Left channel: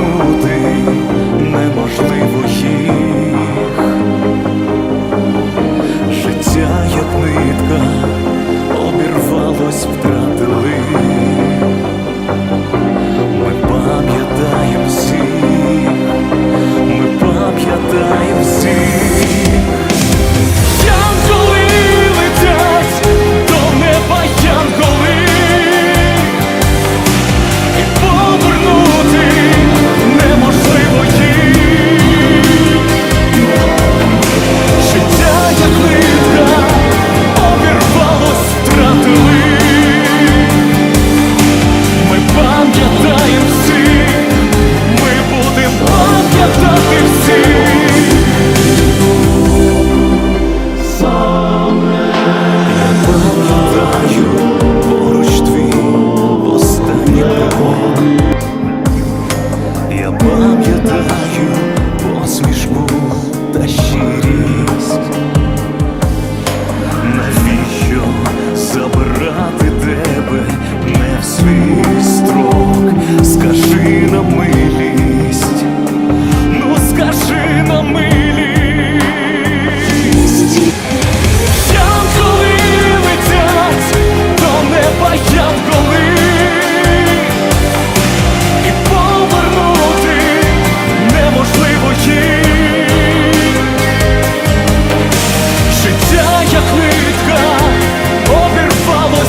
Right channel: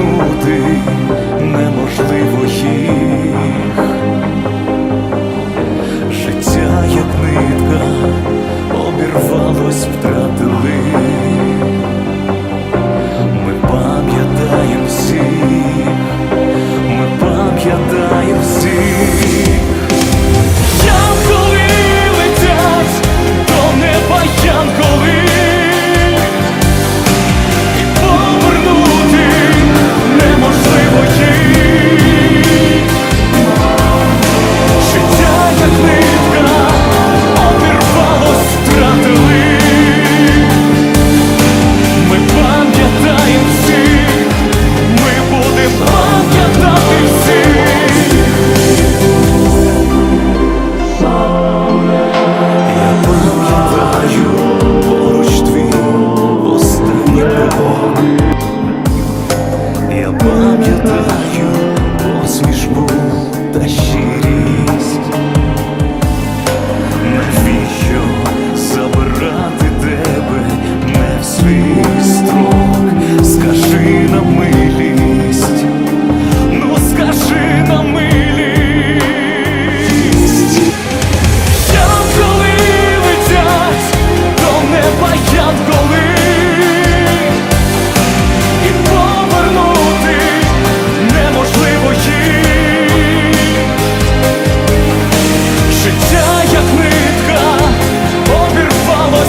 Повернути неможливо їх. Життя, як нитка, обірвалось, втратили. Ми пам'ятаємо всіх, ми пам'ятаємо всіх. Скажи на милість Янголи летять до неба янголи і повернути неможливо їм життя, як нитка обірвало.